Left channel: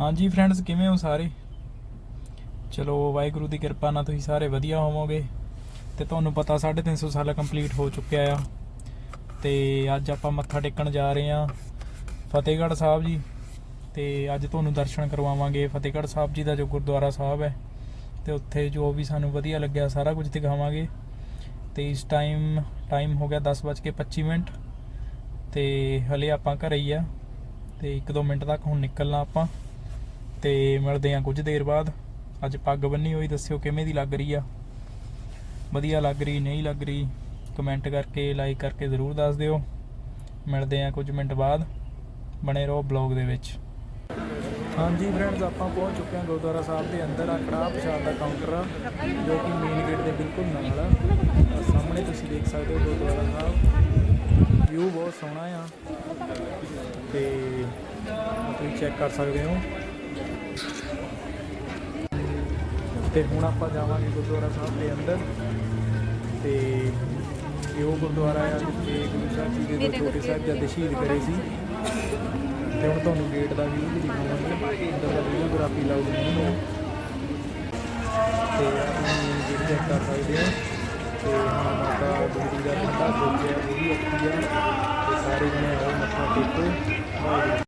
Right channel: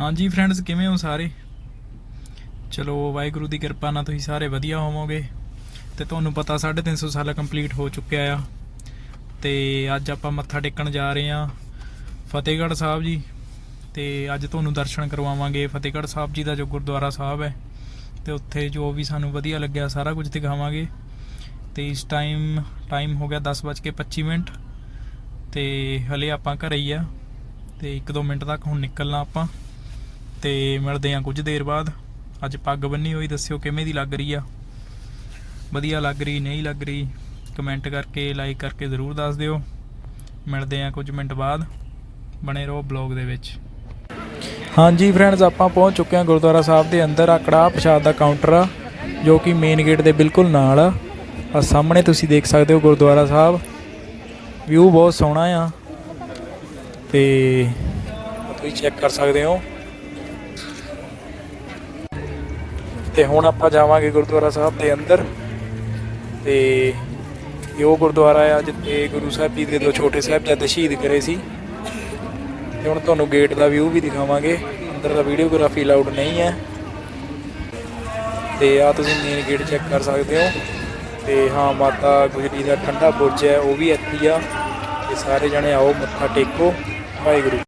ਹਾਂਜੀ ਫਰੈਂਡਸ ਕਿਵੇਂ ਹੋ ਸਾਰੇ? ਚਲੋ ਵਾਹਿਗੁਰੂ ਦੀ ਕਿਰਪਾ ਨਾਲ ਤੁਸੀਂ ਸਾਰੇ ਵਧੀਆ ਹੋਵੋਗੇ ਤੇ ਤੁਹਾਨੂੰ ਪਤਾ 350 ਸਾਲ ਕੰਪਲੀਟ ਹੋ ਚੁੱਕਿਆ ਆ ਤੇ ਅੱਜ ਆਪਾਂ ਮੱਥਾ ਟੇਕਣ ਜਾ ਰਹੇ ਆ ਫਤਿਹਗੜ੍ਹ ਸਾਹਿਬ ਜੀ ਤੇ ਅੱਜ ਤੁਹਾਨੂੰ ਦਰਸ਼ਨ ਕਰਵਾਵਾਂਗੇ। ਫਤਿਹਗੜ੍ਹ ਸਾਹਿਬ ਜੀ ਦਾ ਜੋ ਗੁਰਦੁਆਰਾ ਸਾਹਿਬ ਹੈ ਤੇ ਉੱਥੇ ਜੋ ਵੀ ਸਾਨੂੰ ਵਧੀਆ ਲੱਗਿਆ ਸਾਰਾ ਕੁਝ ਦਿਖਾਵਾਂਗੇ। ਤੇ ਇਸ ਟਾਈਮ ਟਾਈਮ ਹੋ ਗਿਆ 10:25 ਮਿੰਟ ਤੇ ਹਲੇ ਆਪਾਂ ਘਰੇ ਹੀ ਆ ਤੇ 1-2 ਮਿੰਟ ਤੱਕ ਹੁਣ ਨਿਕਲਣਾ ਆਪਾਂ। ਤੇ ਮਿਲਦੇ ਆ ਕੁਝ ਦੇਰ ਬਾਅਦ। ਅੱਜ ਪੱਗ ਬੰਨੀ ਹੋਈ, ਦੱਸਿਓ ਕਿਵੇਂ ਦੀ ਲੱਗ ਰਹੀ ਆ? ਵਧੀਆ ਲੱਗ ਰਹੀ, ਨਹੀਂ ਲੱਗ ਰਹੀ? ਕਮੈਂਟ ਕਰਕੇ ਲਾਈਕ ਕਰਕੇ ਜ਼ਰੂਰ ਦੱਸ ਦਿਓ। ਮਿਲਦੇ ਆ ਕੁਝ ਮਿੰਟ ਬਾਅਦ। ਬਣੇ ਰਹੋ ਬਲੌਗ ਦੇ ਵਿੱਚ। ਹਾਂਜੀ ਫਰੈਂਡਸ ਆਪਾਂ ਪਹੁੰਚ ਚੁੱਕੇ ਹਾਂ ਗੁਰਦੁਆਰਾ ਸਾਹਿਬ ਦੇ ਅੰਦਰ ਆ ਕੜਾਹ ਪ੍ਰਸ਼ਾਦ ਦਾ ਕਾਊਂਟਰ ਆ, ਜੋ ਕਿ ਮੇਨ ਗੇਟ ਦੇ ਬਿਲਕੁਲ ਨਾਲ ਆ। ਆ ਸਾਹਮਣੇ ਤੁਸੀਂ ਦੇਖ ਸਕਦੇ ਹੋ ਗੁਰਦੁਆਰਾ ਸਾਹਿਬ। ਵਿਊ ਬਹੁਤ ਸੋਹਣਾ ਆ। ਤੇ ਤੁਸੀਂ ਚੈੱਕ ਕਰ ਸਕਦੇ ਹੋ। ਤੇ ਹੁਣ ਆਪਾਂ ਜਾਵਾਂਗੇ ਗੁਰਦੁਆਰਾ ਸਾਹਿਬ ਦੇ ਅੰਦਰ। ਤੇ ਇਹ ਉਹ ਗੁਰਦੁਆਰਾ ਆ ਜਿੱਥੇ ਗੁਰੂ ਸਾਹਿਬ ਜੀ ਦੇ ਦੋ ਛੋਟੇ ਸਾਹਿਬਜ਼ਾਦੇ ਸ਼ਹੀਦ ਕਰੇ ਸੀ। ਤੇ ਹੁਣ ਤੁਹਾਨੂੰ ਗੇਟ ਦਾ ਵਿਊ ਵੀ ਦਿਖਾਵਾਂਗੇ। ਅੰਦਰ ਦਾ ਵੀਡੀਓਗ੍ਰਾਫੀ ਲਾਊਡ ਨਹੀਂ ਹੈ। ਤੇ ਆ ਤੁਸੀਂ ਮੇਨ ਗੇਟ ਚੈੱਕ ਕਰ ਸਕਦੇ ਹੋ। ਤੇ ਹਾਂ, ਮਾਤਾ ਗੁਜਰੀ ਦਾ ਠੰਡਾ ਬੁਰਜ ਹੈ, ਉਹ ਵੀ ਇੱਥੇ ਆ। ਤੇ ਸਾਰੇ ਜਣੇ ਆਓ, ਮੱਥਾ ਟੇਕੋ। ਵਾਹਿਗੁਰੂ।